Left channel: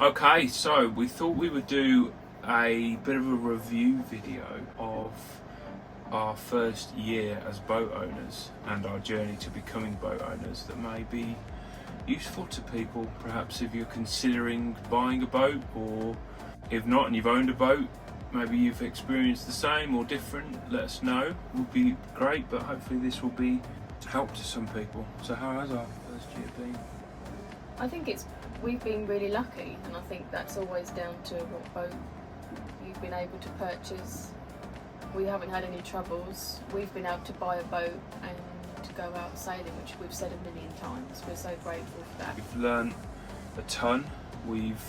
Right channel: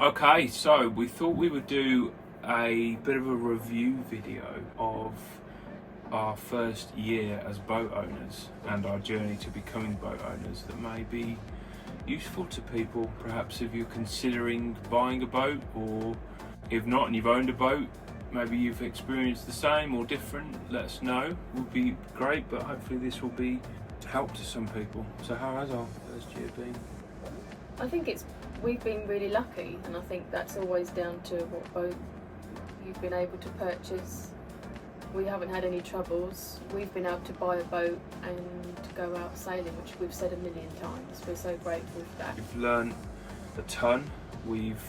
Okay, so we thought we would do a bit of a review video of our first year as boat owners and our journey to becoming boat owners that may be useful to people, perhaps if you're considering buying a boat, or if not and you've owned a boat, maybe you've experienced the same or different. Let us know, it would be great, but hopefully this will be help to some people. So how has our first year been? I think we've been really lucky, and I think that's always down to what boat you've been able to purchase. We haven't had any troubles. We've been able to buy a boat and go out sailing, which we've said a million times. We're so grateful for that. We've learned a ton. We've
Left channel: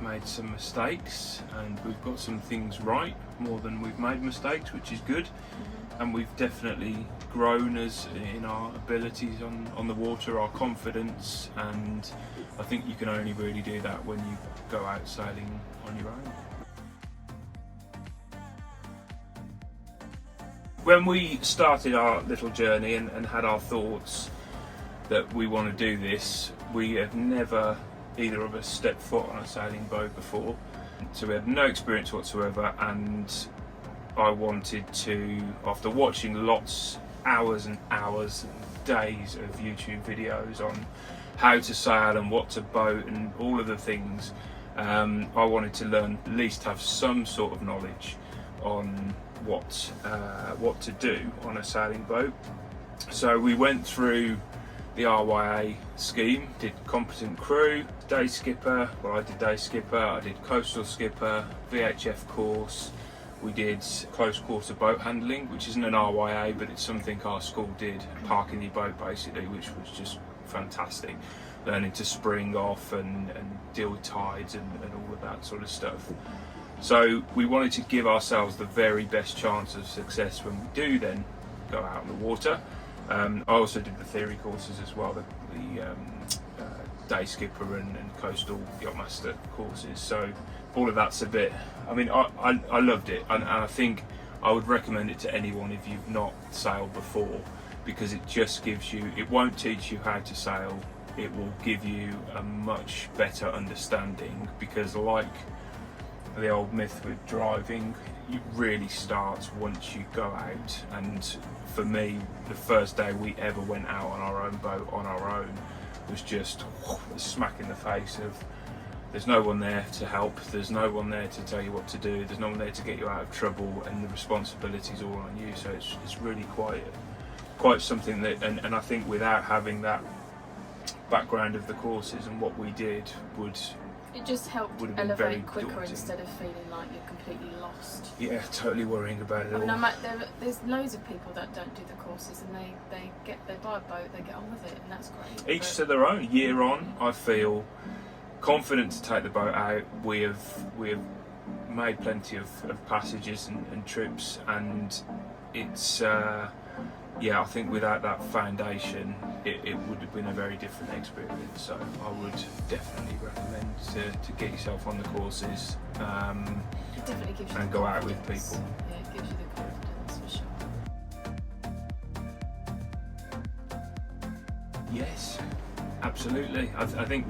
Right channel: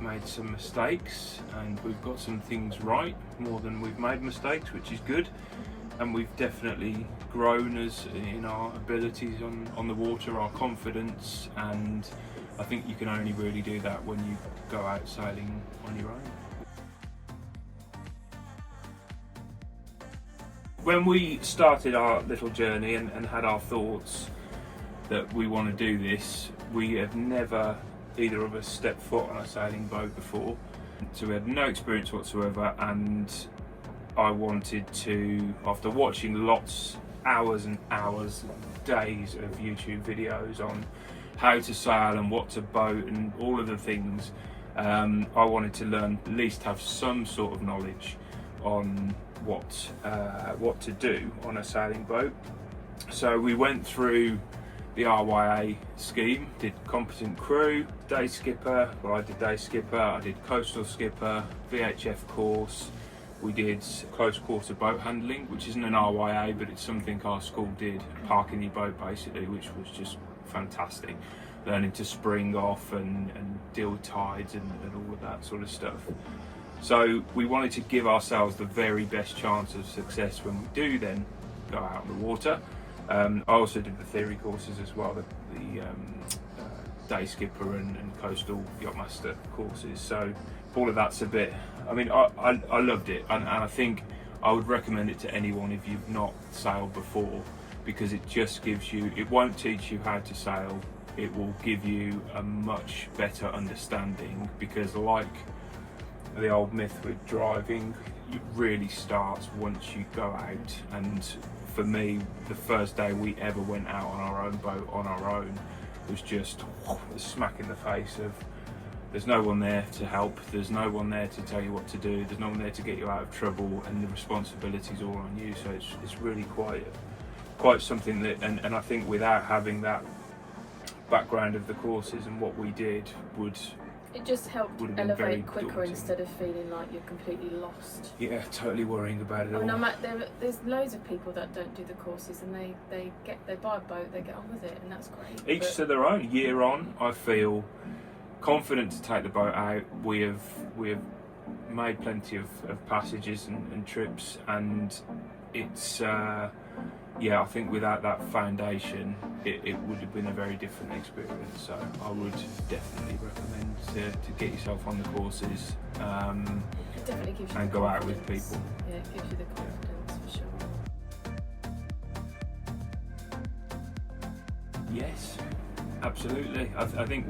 made some mistakes and we've got some things right more than we've made mistakes, which is good. And we've definitely grown as in our abilities on the water, our confidence, and I think you can only really do that when you go out sailing on your own. When we started our little journey and had our thoughts that we want to do this, we have never, either of us, stepped foot on a sailing boat before. So we had no experience whatsoever, and I wanted to, after watching hours and hours and days of YouTube videos on how to sail and what to boat and all of the things, I wanted to learn, at least have some sort of knowledge on what to do on a sailing boat. So we went through the RYA scheme, did competent crew, day skipper, well I did day skipper, I did coastal skipper, VHF course, we did close quarter boat handling, which isn't an RYA but it's something our school did, parking your boat basically, which was just fantastic. Learning to spring off and deal with tides and all of that sort of stuff. So we wanted to give ourselves the very best chance of success when we do then go out on the water. I also did the theory courses as well, the day skipper and coastal yachtmaster courses. So all of that's a bit, I mean, I loved it, and I think I would recommend it to anyone if you've not sailed before, because it just gives you, it won't teach you how to sail, it will give you a much better understanding, because like the old myth with driving, it really starts once you go out. And for me, the first day we ever went out on our own boat on our own was just a smack in the face of there's no one there to help, there's no one there to tell you what to do, there's no one there to get you out of trouble, and the responsibility's all on you. So it's really quite something that, and I think without having that background of the courses and what we did it just helped elevate quicker daunting. Instead of feeling like you're completely lost. Yeah, totally worrying about it all. There's loads of people that don't do the courses, and they buy a boat, they get on with it, and that's great. Each to their own. Year on, I feel confident to take the boat out. We have made plenty of passages and trips, and it's I think without that foundation it would have been a very different experience. So I would definitely recommend to get yourself on the courses it definitely gives you and go out with people. Yeah, it gives you the confidence for sure. Yes, absolutely. I think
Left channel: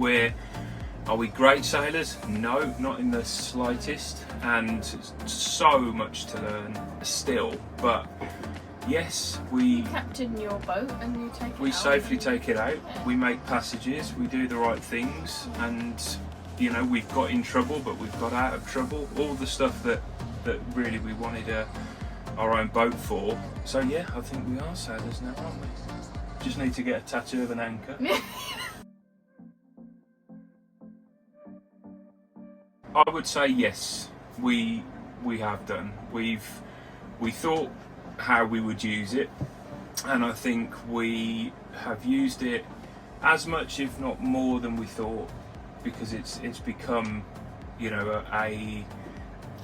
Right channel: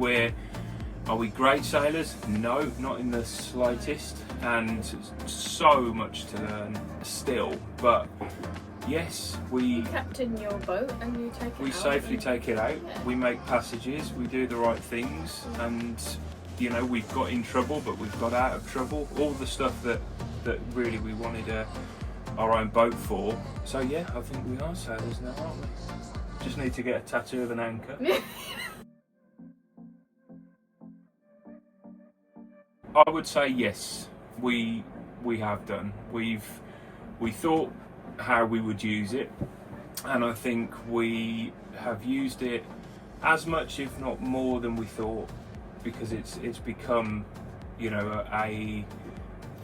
are we great sailors? No, not in the slightest, and so much to learn still, but yes, we captain your boat and you take it out. We safely take it out. Yeah. We make passages. We do the right things, and we've got in trouble, but we've got out of trouble. All the stuff that really we wanted our own boat for. So yeah, I think we are sailors now, aren't we? Just need to get a tattoo of an anchor. I would say yes, we have done. We thought how we would use it, and I think we have used it as much, if not more, than we thought, because it's become a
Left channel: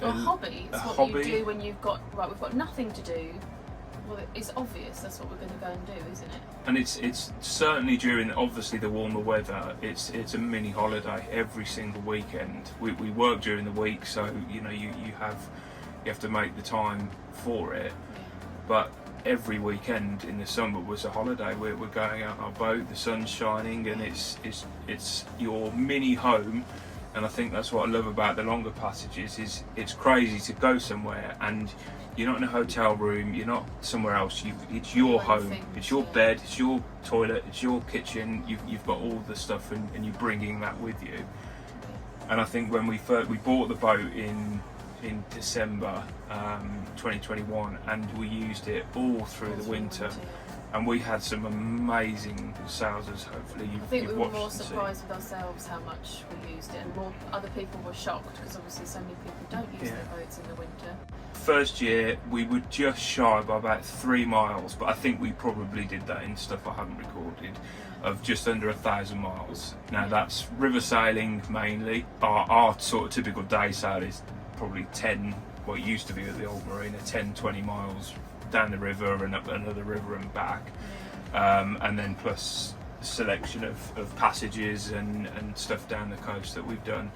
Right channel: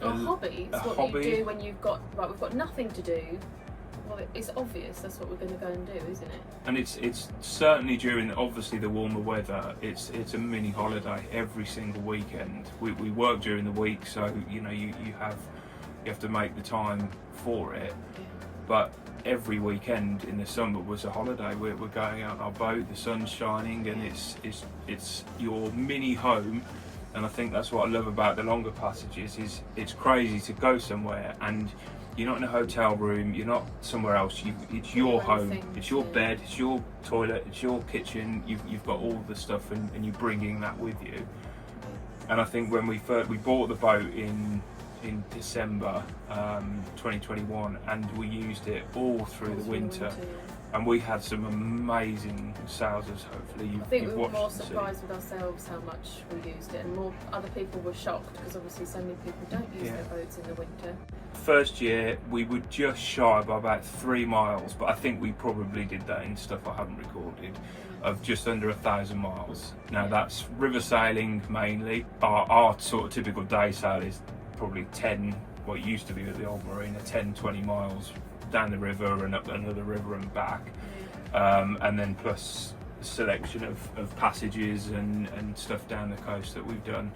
hobby. It's what hobby. You do when we've got nothing to do. Well, it's obvious that's what we're going to go and do, isn't it? And it's certainly during obviously the warmer weather. It's a mini holiday every single weekend. We work during the week, so you have to make the time for it. Yeah. But every weekend in the summer was a holiday. We're going out on our boat, the sun's shining, and it's your mini home And I think that's what I love about the longer passages, is it's crazy to go somewhere and you're not in a hotel room, you're not somewhere else, it's your home, it's your bed, it's your toilet, it's your kitchen, you've got all the stuff, and you're bringing that with you. And I think when we bought the boat in December 2021, and we used it all through the winter. And we had some amazing sailors. Hopefully, I think we were more surprised with ourselves how much we used it, and more other people were shocked because obviously so many people don't use their boats in the winter. First year we were just shy by about 3 miles, but I think we probably did that in stuff I haven't recorded, of just under 1,000 miles. Now that's river sailing mainly. Our sort of typical day sail is probably 10, what it used to be at the old marina, 10-20 miles down the river and up another river and back, and then plus the selection of passages and stuff down the coast that we've done.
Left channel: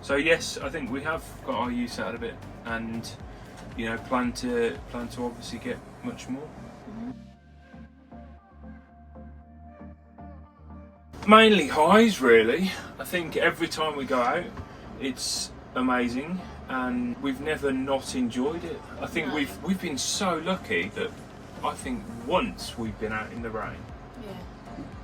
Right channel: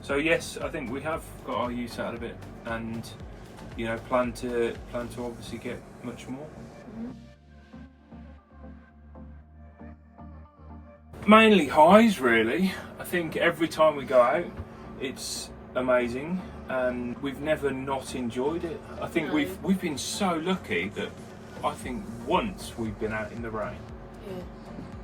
So yes, I think we have got our use out of it, and plan to obviously get much more. Mainly highs, really. I think every time we go out it's amazing, and we've never not enjoyed it. I think we've been so lucky that I think once we've been out in the rain. Yeah,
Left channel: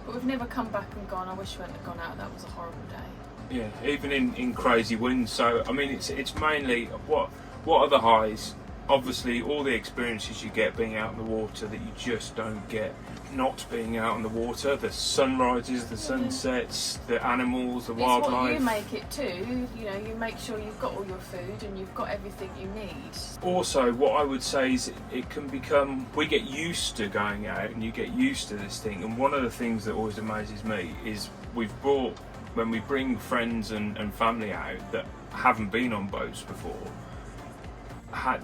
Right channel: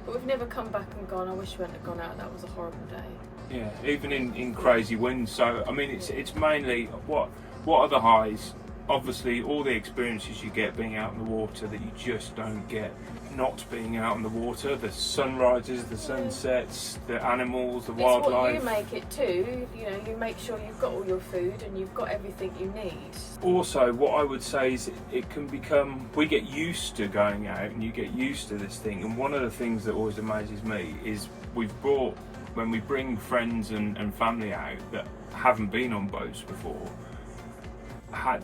but we've never come back and gone, I wish we hadn't have gone out, that was a horrible day. Yeah, even in crazy winds. So I mean, it's mainly what are the highs? Obviously all the experiences you get being out in the water that you just don't get not being out in the water, the sunrises, the sunsets, the animals, the wildlife. What you make it too, you make sure you've got all your food and you've got everything you need. Also, what I would say is it can become, we get used to going out and you get used to this thing, and one of the things that always amazes me is when we bring friends and family out that haven't been on boats before,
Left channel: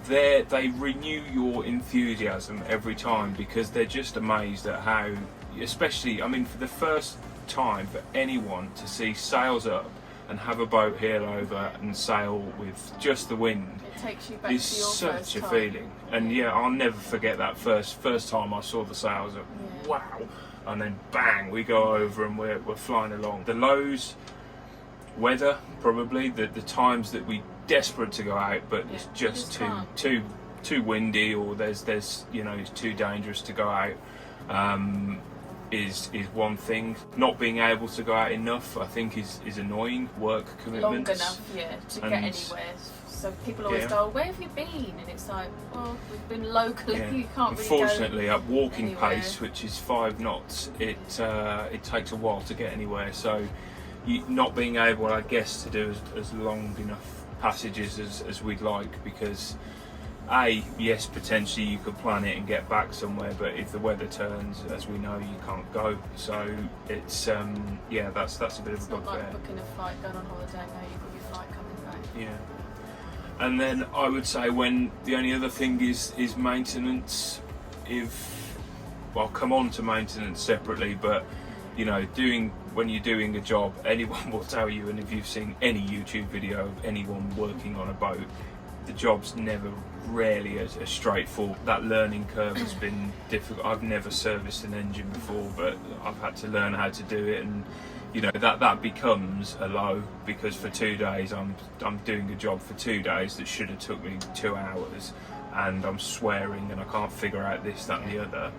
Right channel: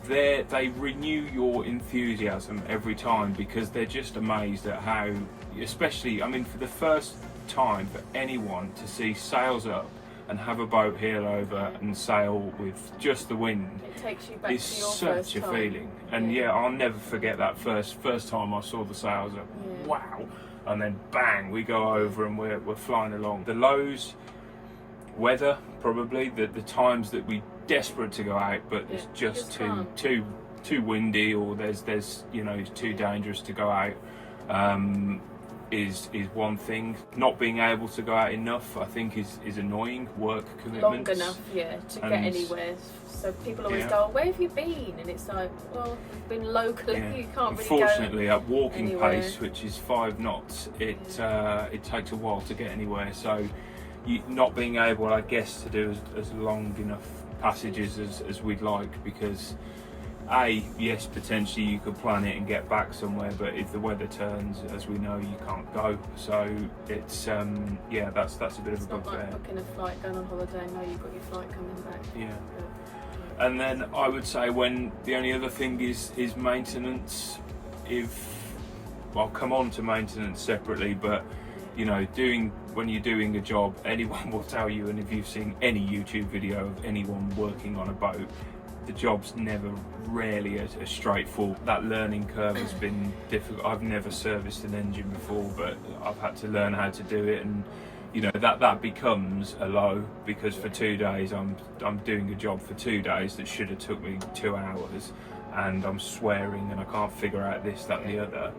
they renew your enthusiasm every time, because they're just amazed at how, especially, I mean, for the first time for anyone to see sails up and have a boat heel over and sail with just the wind, it takes you back to your such first a time. Feeling. And I'll never forget that first time I saw the sails up. Wow. And then bang, we go over and we're flying along. The lows, weather, probably the times that we desperate to go out, but it's just too windy, or there's it's too dangerous to go out, is one thing. Not being able to go out enough, I think, is annoying. Work commitments. Long enough, to get anywhere. So people always go, "Where have you been?" And it's like, well, we've been locally. You can't really go. Unfortunately, at walking anywhere. pace, which is 5 knots, it takes a while to get anywhere. So, not being able, I guess, to do as long enough passages as we'd like, because yes, potentially you could plan it and get back somewhere, but if the weather turns, as we know, you can't go. So it's that's a bit of a bugbear. It's not like booking a flight, going on holiday, no, you've got your flight coming back. And then I would say, when the only other thing is maintenance. I'll come on to maintenance separately, but when you're doing a job, anyone will tell you, and if you've seen any YouTube video of anyone working on a boat, the job's rarely as straightforward. That learning curve has been difficult. I've never serviced an engine before, but I've had to learn how to do it, and that becomes a low, because for 2 days I'm doing a job for 2 days that should have took me 2 hours, and I'm swearing and I can't figure out this, that and the other.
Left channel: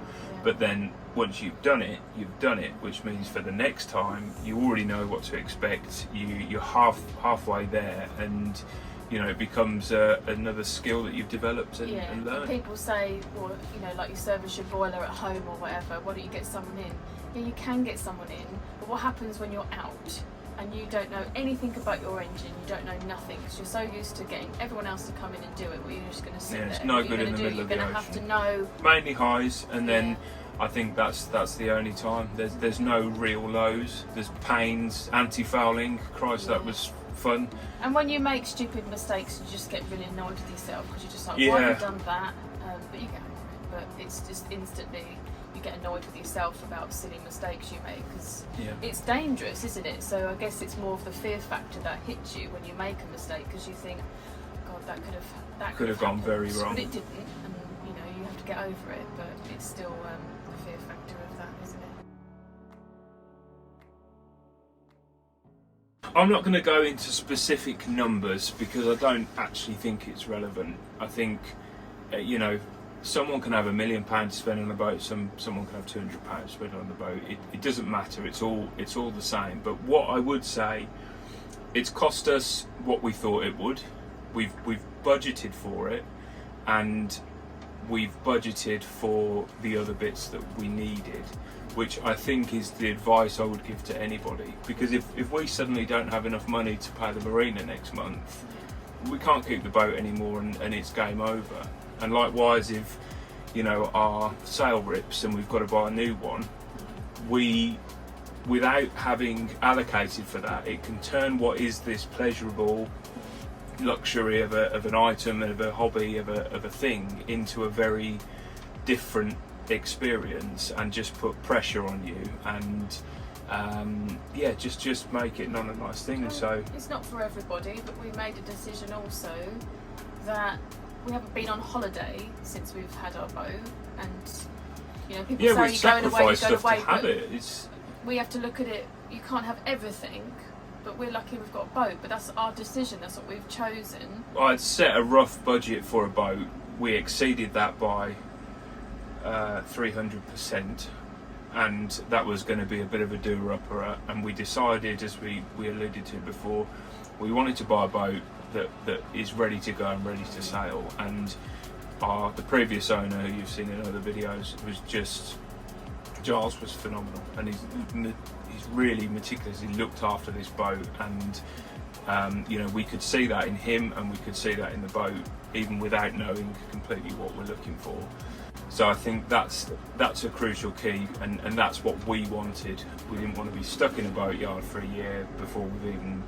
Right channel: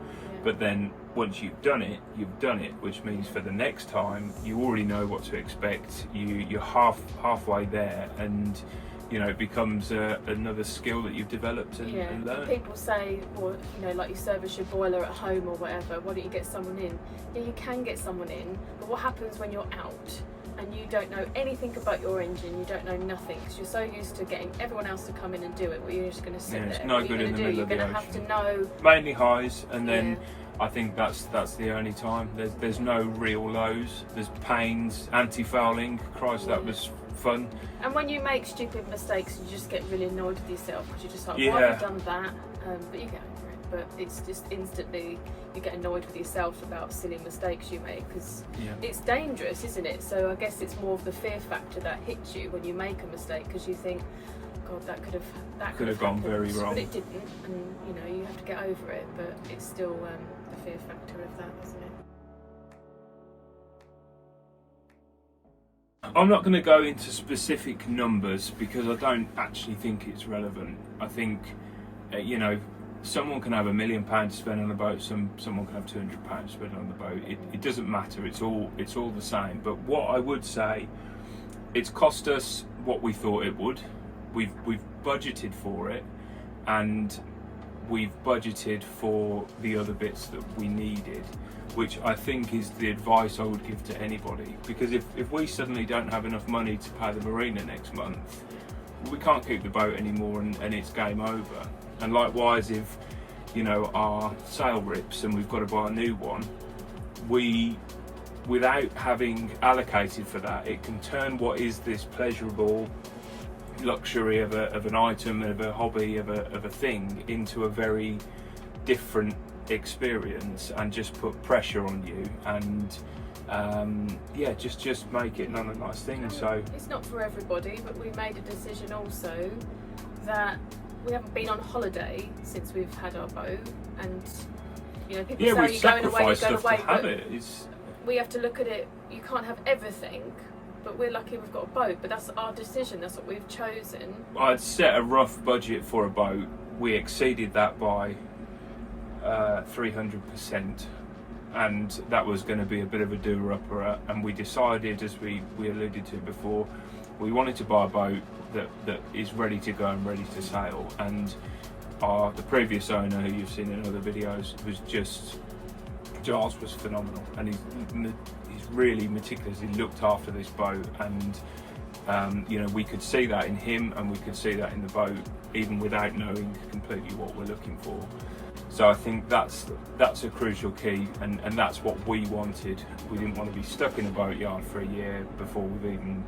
But then once you've done it, which means for the next time you already know what to expect. You're halfway there, and it becomes another skill that you've developed and learned. People say, well, like you service your boiler at home or whatever, why don't you get someone in? Yeah, you can get someone in, but what happens when you're out and you don't know anything about your engine, you don't know nothing, because you're so used to getting everyone else to come in and do it, well, you're just going to sit there. It's no good in the middle of the ocean. You're going to have to know. Mainly highs, and then I think that's the only time. There's no real lows. There's pains, anti-fouling. Christ, that was fun. And when you make stupid mistakes, you just get really annoyed with yourself, because you're just like, why have you done that? But you get over it. But it's just instantly, you get annoyed with yourself about silly mistakes you make, because it's dangerous, isn't it? So I guess it's more of the fear factor that hits you when you make a mistake, because you think, God, that could have gone very wrong. But it didn't, and you have to get over it. But it's still the fear factor of that, isn't it? I'm not going to go into specific numbers because I don't actually think it's relevant. I think, you know, someone can have £1 million to spend on a boat. Someone can have £200 to spend on the boat. It doesn't matter. It's all the same. But what I would say, it's cost us what we thought it would. We've budgeted for it, and we've budgeted for the other bits that we needed, which I think is the advice I would give to anybody. Because if we suddenly don't have enough money to pay the marina next month, we can't keep the boat anymore, and it's game over. And likewise, if, you know, our sail rips and we've got to buy a new one, without having allocated for that, it can turn what is this pleasurable luxury of an item, of a hobby, of a thing, into a very different experience, and just put pressure on you, and yeah, just make it not a nice thing. So it's not for everybody, but we made a decision also that we haven't been on holiday since we've had our boat, and you know, people say you're going away, but we have to look at it. You can't have everything, but we're lucky we've got a boat. But that's our decision. That's what we've chosen. I'd set a rough budget for a boat. We exceeded that by 300%, and that was going to be a bit of a doer-upper. And we decided, as we alluded to before, we wanted to buy a boat that is ready to go and ready to sail. And the previous owner, who you've seen in other videos, Giles was phenomenal, and he's really meticulously looked after this boat, and you know, we could see that in him, and we could see that in the boat, even without knowing completely what we're looking for. So I think that's a crucial key, and that's what we wanted. We didn't want to be stuck in a boatyard for a year before we've even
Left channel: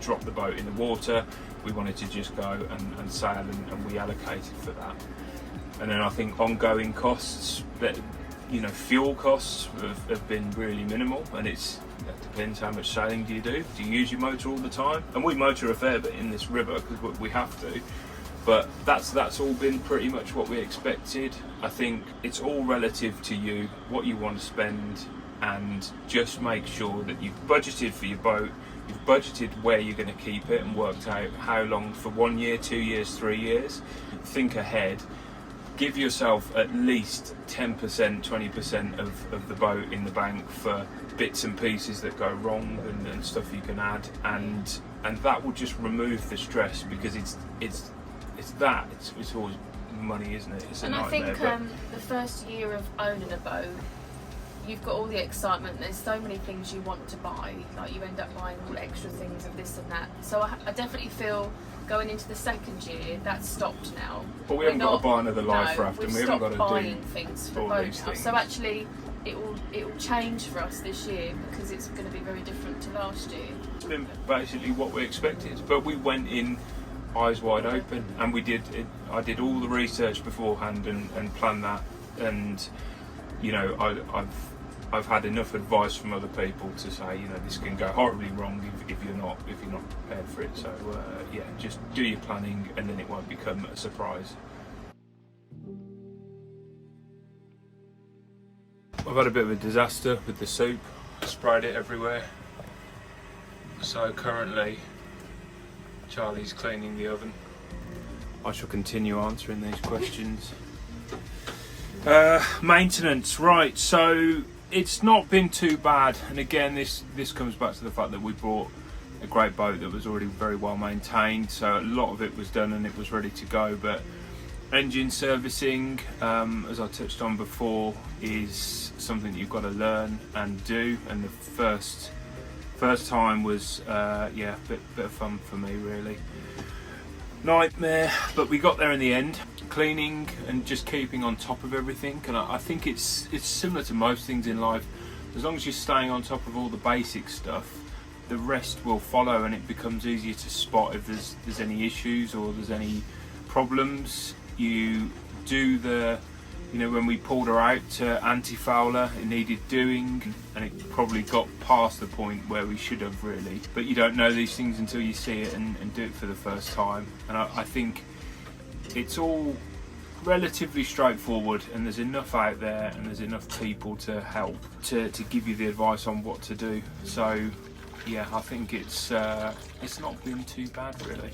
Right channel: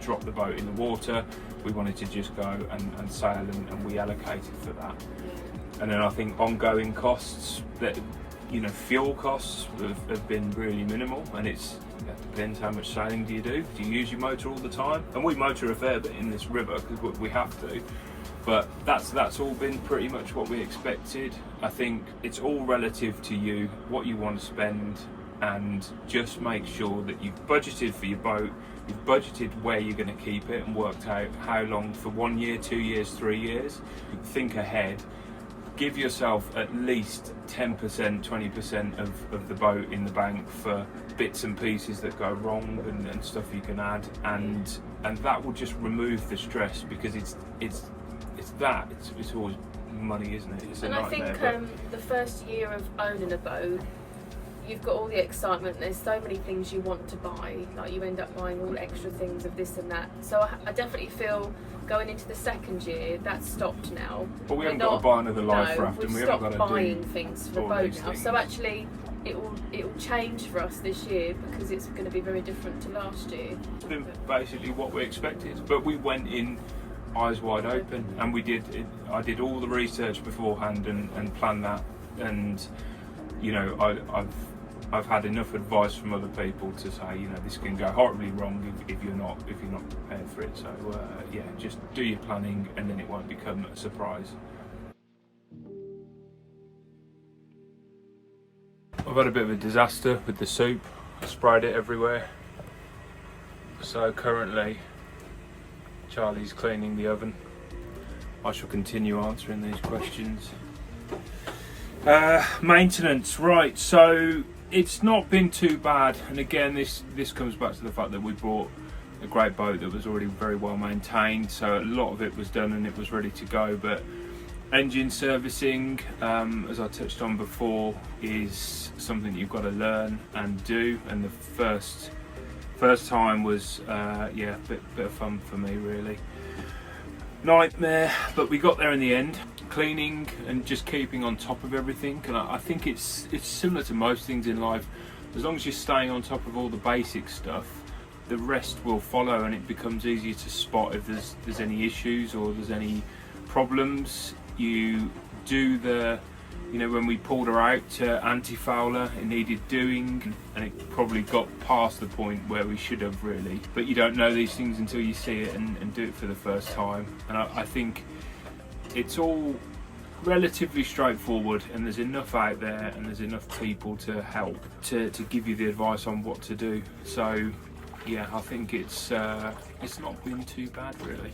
dropped the boat in the water. We wanted to just go and sail, and we allocated for that. And then I think ongoing costs, that, you know, fuel costs have been really minimal, and it depends how much sailing do you do. Do you use your motor all the time? And we motor a fair bit in this river because we have to. But that's all been pretty much what we expected. I think it's all relative to you, what you want to spend, and just make sure that you've budgeted for your boat, you've budgeted where you're going to keep it, and worked out how long, for 1 year, 2 years, 3 years. Think ahead. Give yourself at least 10%, 20% of the boat in the bank for bits and pieces that go wrong, and stuff you can add, and that will just remove the stress, because it's always money, isn't it? It's a nightmare. And I think the first year of owning a boat, you've got all the excitement. There's so many things you want to buy, like you end up buying all extra things of this and that. So I definitely feel, going into the second year, that's stopped now. But we haven't got to buy another life raft, and we haven't got to buying things for the boat now. Things. So actually, it will change for us this year, because it's going to be very different to last year. It's been basically what we expected, but we went in eyes wide open, and I did all the research beforehand and planned that, and you know, I've had enough advice from other people to say, you know, this can go horribly wrong if you're not prepared for it. So yeah, just do your planning, and then it won't become a surprise. I've had a bit of a disaster with the soup. I sprayed it everywhere. So currently Charlie's cleaning the oven. I shall continue answering these questions. Maintenance, right, so it's not been too bad, and again this comes back to the fact that we bought a great boat that was already very well maintained, so a lot of it was done and it was ready to go. But engine servicing, as I touched on before, is something that you've got to learn and do, and the first time was yeah, a bit of fun for me, really. Nightmare, but we got there in the end. Cleaning and just keeping on top of everything, and I think it's similar to most things in life. As long as you're staying on top of all the basic stuff, the rest will follow, and it becomes easier to spot if there's any issues or there's any problems. You do you know, when we pulled her out to anti-fouler, it needed doing, and it probably got past the point where we should have, really. But you don't know these things until you see it and do it for the first time. And I think it's all relatively straightforward, and there's enough out there, and there's enough people to help to give you the advice on what to do. So yeah, I think it's not been too bad really.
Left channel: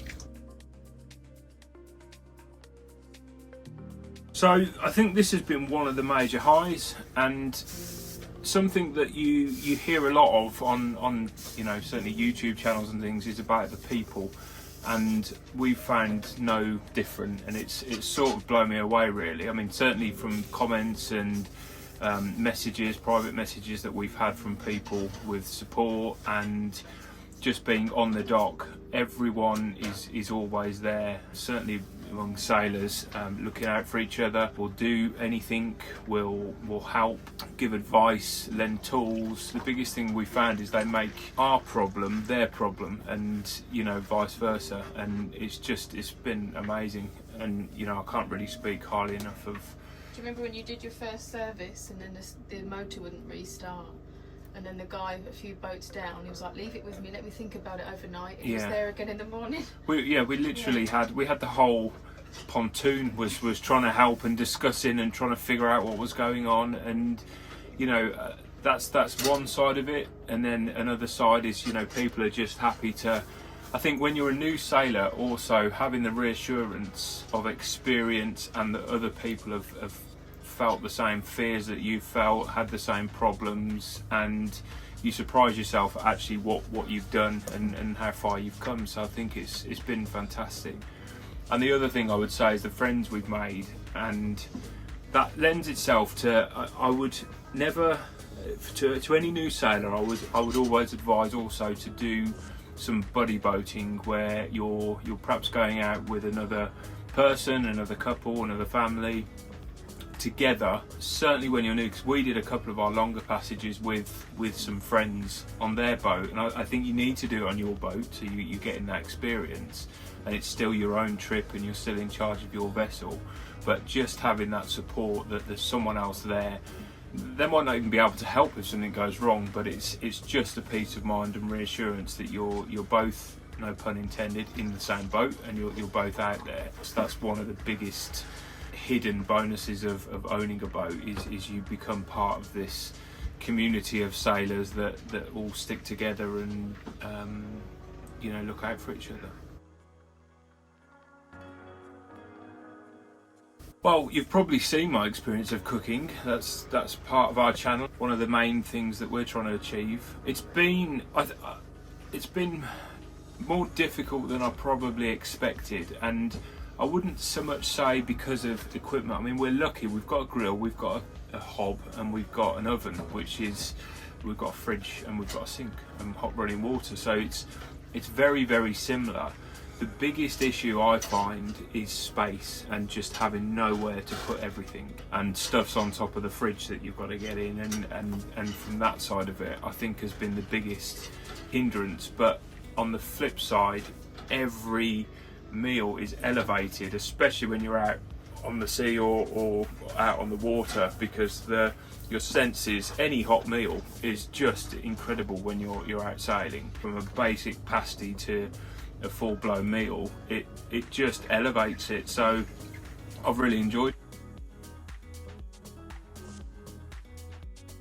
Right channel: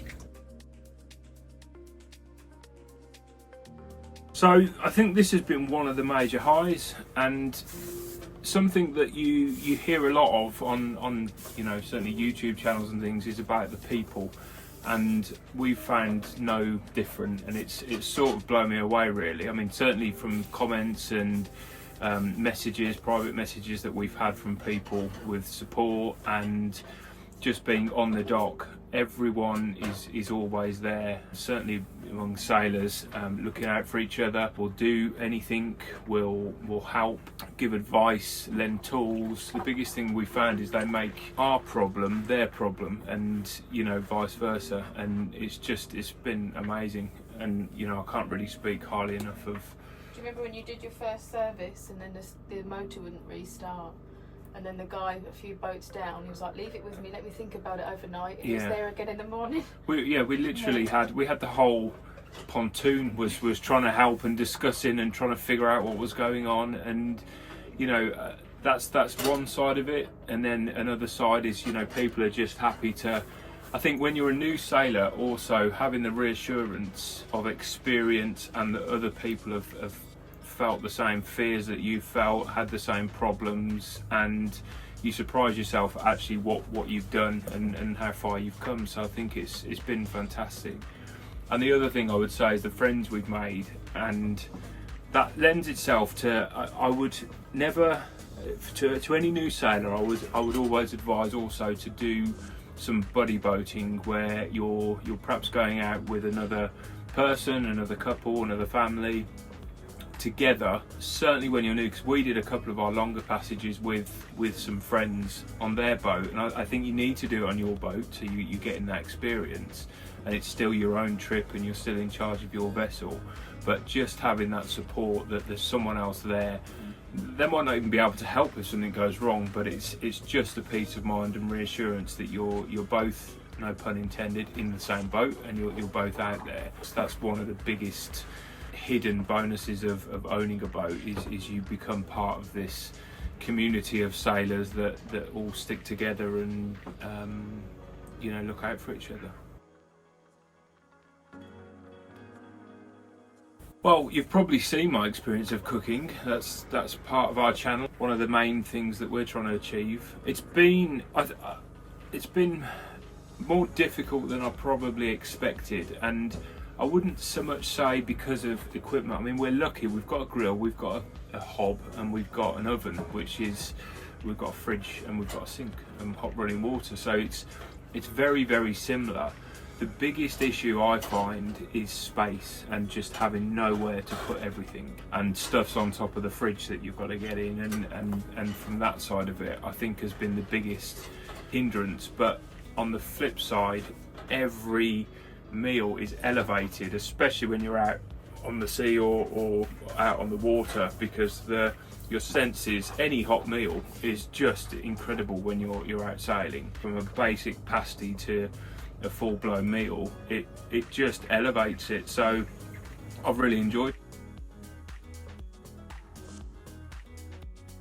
So I think this has been one of the major highs, and something that you hear a lot of on certainly YouTube channels and things is about the people, and we've found no different, and it's sort of blown me away really. I mean, certainly from comments and messages, private messages that we've had from people with support, and just being on the dock, everyone is always there, certainly among sailors, looking out for each other. Will do anything, will help, give advice, lend tools. The biggest thing we found is they make our problem their problem, and vice versa, and it's been amazing, and I can't really speak highly enough of. Do you remember when you did your first service and then the motor wouldn't restart? And then the guy a few boats down, he was like, leave it with me, let me think about it overnight. He was there again in the morning. We literally had the whole pontoon was trying to help and discussing and trying to figure out what was going on, and that's one side of it. And then another side is people are just happy to. I think when you're a new sailor, also having the reassurance of experience and that other people have felt the same fears that you felt, had the same problems, and you surprise yourself at actually what you've done and how far you've come. So I think it's been fantastic. And the other thing I would say is the friends we've made, and that lends itself to, I would never, to any new sailor, I would always advise also to do some buddy boating, where you're perhaps going out with another person, another couple, another family, together, certainly when you're new, because we did a couple of our longer passages with some friends on their boat, and I think you need to do it on your boat, so you get in that experience, and it's still your own trip and you're still in charge of your vessel. But just having that support, that there's someone else there, they might not even be able to help if something goes wrong, but it's just a peace of mind and reassurance that you're both, no pun intended, in the same boat, and you're both out there. So that's one of the biggest hidden bonuses of owning a boat, is you become part of this community of sailors that all stick together and look out for each other. Well, you've probably seen my experience of cooking. That's part of our channel. One of the main things that we're trying to achieve. It's been more difficult than I probably expected, and I wouldn't so much say because of equipment. I mean, we're lucky. We've got a grill, we've got a hob, and we've got an oven, we've got a fridge, and we've got a sink and hot running water. So it's very, very similar. The biggest issue I find is space, and just having nowhere to put everything, and stuff's on top of the fridge that you've got to get in, and from that side of it, I think has been the biggest hindrance. But on the flip side, every meal is elevated, especially when you're out on the sea or out on the water, because your senses, any hot meal is just incredible when you're out sailing. From a basic pasty to a full-blown meal, it just elevates it. So I've really enjoyed.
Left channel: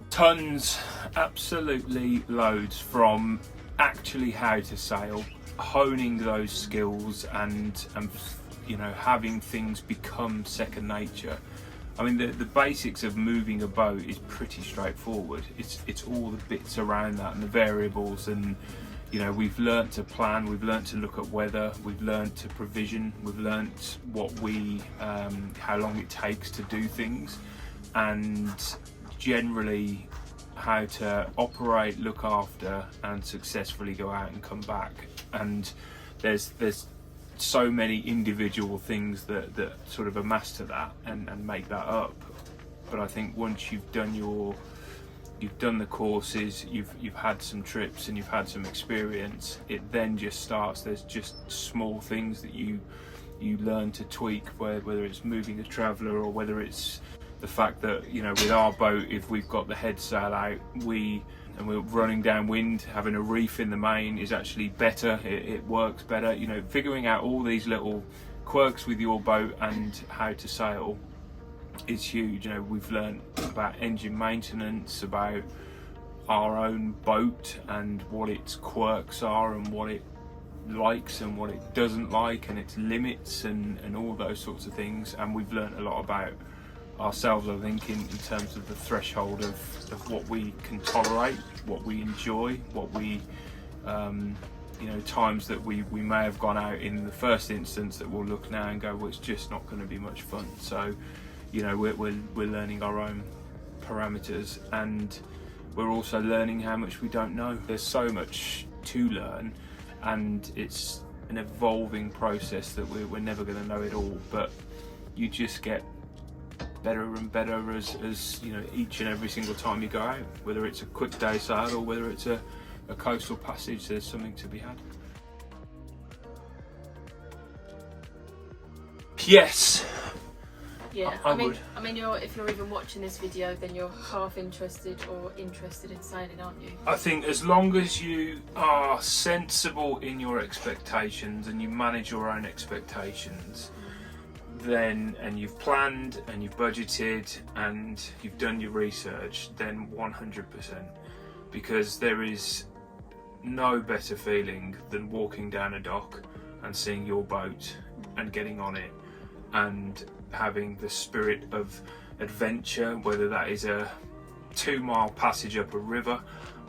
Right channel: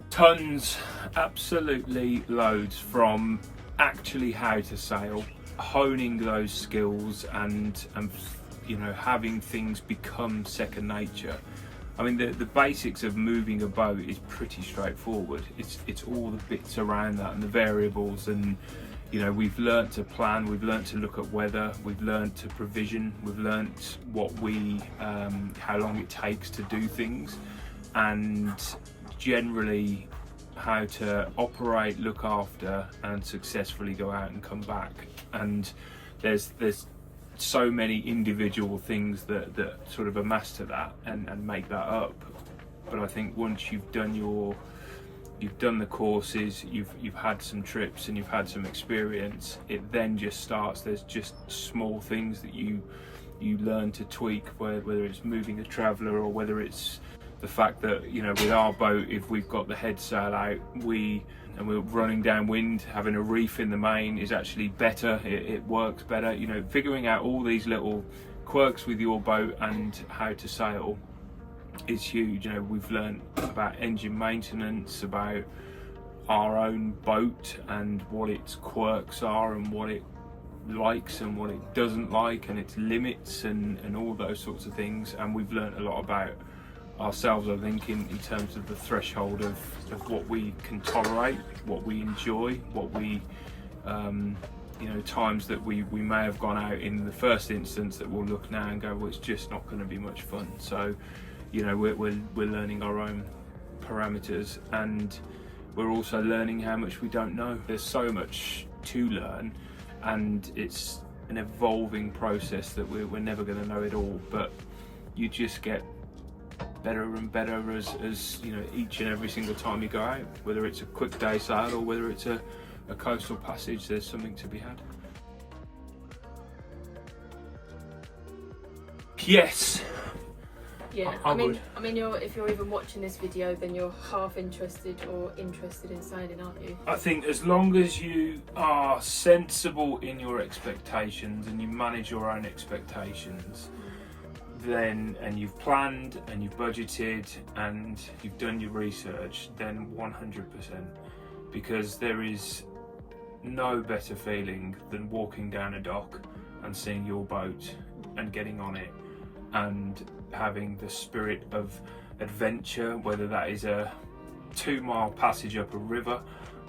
Tons, absolutely loads, from actually how to sail, honing those skills, and having things become second nature. I mean, the basics of moving a boat is pretty straightforward. It's all the bits around that and the variables, and we've learnt to plan, we've learnt to look at weather, we've learnt to provision, we've learnt how long it takes to do things, and generally how to operate, look after, and successfully go out and come back. And there's so many individual things that sort of amass to that and make that up. But I think once you've done the courses, you've had some trips and you've had some experience, it then just starts. There's just small things that you learn to tweak, whether it's moving a traveller, or whether it's the fact that with our boat, if we've got the head sail out, we're running downwind, having a reef in the main is actually better. It works better. Figuring out all these little quirks with your boat and how to sail is huge. We've learned about engine maintenance, about our own boat and what its quirks are and what it likes and what it doesn't like and its limits and all those sorts of things. And we've learnt a lot about ourselves, I think, in terms of the threshold of what we can tolerate, what we enjoy, what we you know, times that we may have gone out in the first instance that we'll look now and go, well, it's just not going to be much fun. So, you know, we're learning our own parameters, and we're also learning how much we don't know. There's so much to learn, and it's an evolving process that we're never going to know it all, but you just get better and better as you know, each and every single time you go out, whether it's a quick day sail or whether it's a coastal passage. There's something to be had. Yes. Yeah, I I mean, would. if you're even watching this video, then you're half interested or interested in sailing, aren't you? I think as long as you are sensible in your expectations and you manage your own expectations, then, and you've planned and you've budgeted and you've done your research, then 100%. Because there is no better feeling than walking down a dock and seeing your boat and getting on it and having the spirit of adventure, whether that is a 2-mile passage up a river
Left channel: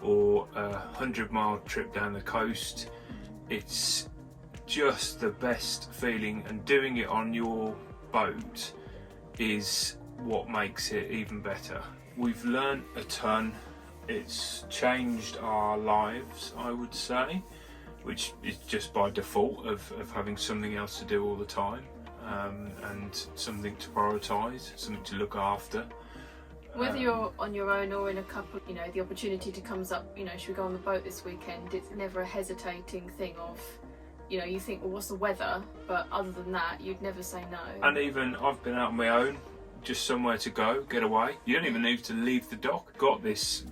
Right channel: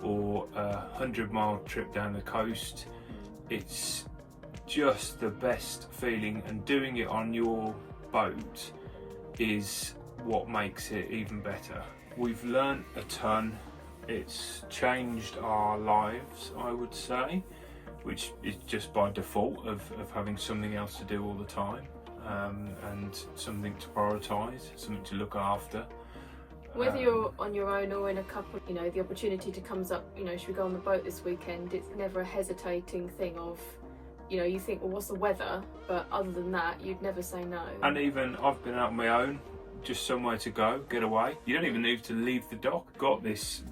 or a 100-mile trip down the coast. It's just the best feeling, and doing it on your boat is what makes it even better. We've learnt a ton. It's changed our lives, I would say, which is just by default of having something else to do all the time, and something to prioritise, something to look after. Whether you're on your own or in a couple, you know, the opportunity comes up, you know, should we go on the boat this weekend? It's never a hesitating thing of, you know, you think, well, what's the weather? But other than that, you'd never say no. And even I've been out on my own, just somewhere to go, get away. You don't even need to leave the dock. Got this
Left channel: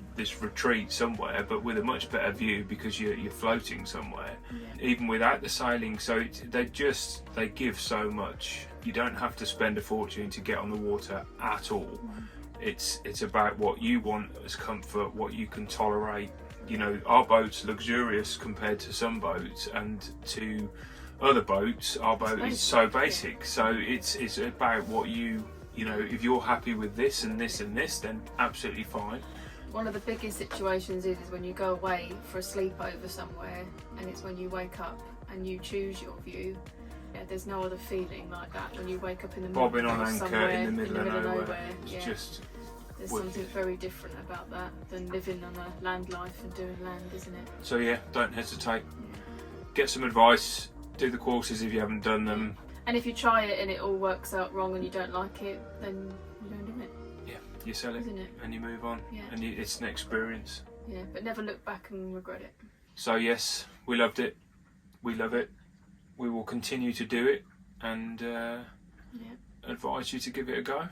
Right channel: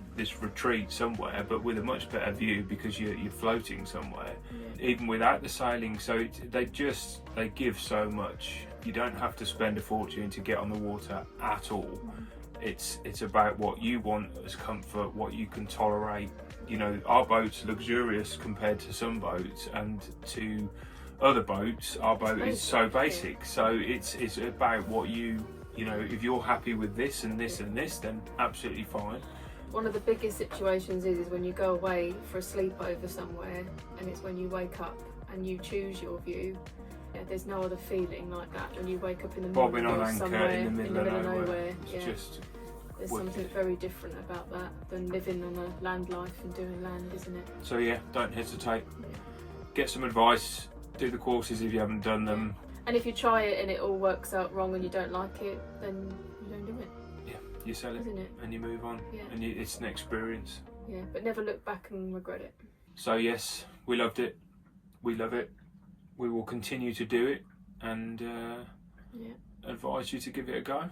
retreat somewhere, but with a much better view because you're floating somewhere, even without the sailing. So they give so much. You don't have to spend a fortune to get on the water at all. It's about what you want as comfort, what you can tolerate. You know, our boat's luxurious compared to some boats, and to other boats, our boat is so basic. So it's about what you know, if you're happy with this and this and this, then absolutely fine. One of the biggest situations is when you go away for a sleepover somewhere, and it's when you wake up and you choose your view. Yeah, there's no other feeling like that when you wake up in the morning bobbing on anchor somewhere in the middle of nowhere. Yeah. Just there's wicked. something very different about that than living on a land life and doing land, isn't it? So yeah, don't hesitate. Yeah. Get some advice. Do the courses if you haven't done them. And if you try it and it all works out wrong and you don't like it, then you don't do it. Yeah, you sell it, isn't it? and you move on. Yeah. And it's an experience. Yeah, but never look back and regret it. So yes, we loved it. We love it. We will continue to do it, and advise you to give it a go.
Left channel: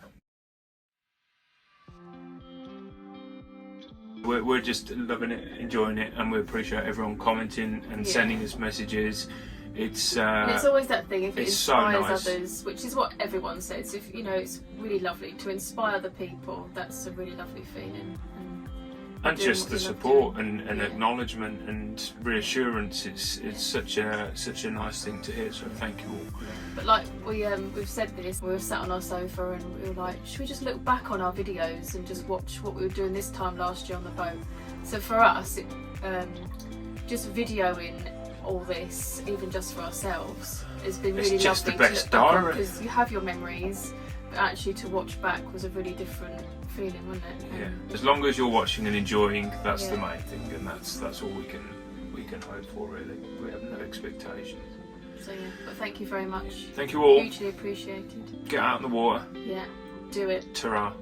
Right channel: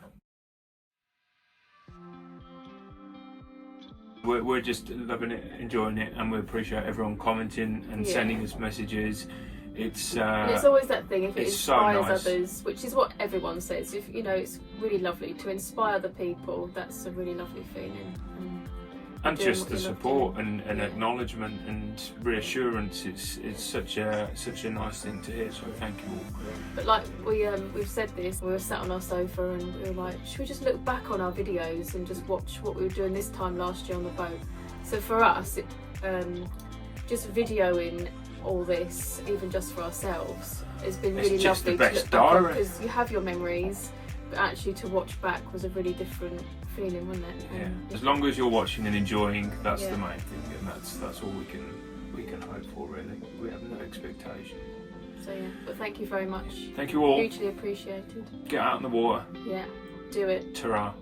We're just loving it, enjoying it, and we appreciate everyone commenting and sending us messages. It's and it's always that thing, if it inspires so nice. others, which is what everyone says, if you know, it's really lovely to inspire the people. That's a really lovely feeling, and just the support and acknowledgement and reassurance. It's such a nice thing to hear, so thank you all. But like we've said this, we were sat on our sofa and we were like, should we just look back on our videos and just watch what we were doing this time last year on the boat? So for us, just videoing all this, even just for ourselves, has been really lovely to look back on, because you have your memories, but actually to watch back was a really different feeling, wasn't it? Yeah. As long as you're watching and enjoying, that's the main thing, and that's all we can hope for, really. We have no expectations. So yeah, but thank you very much. Thank you all. Hugely appreciated. Get out in the water. Yeah, do it. Ta-ra.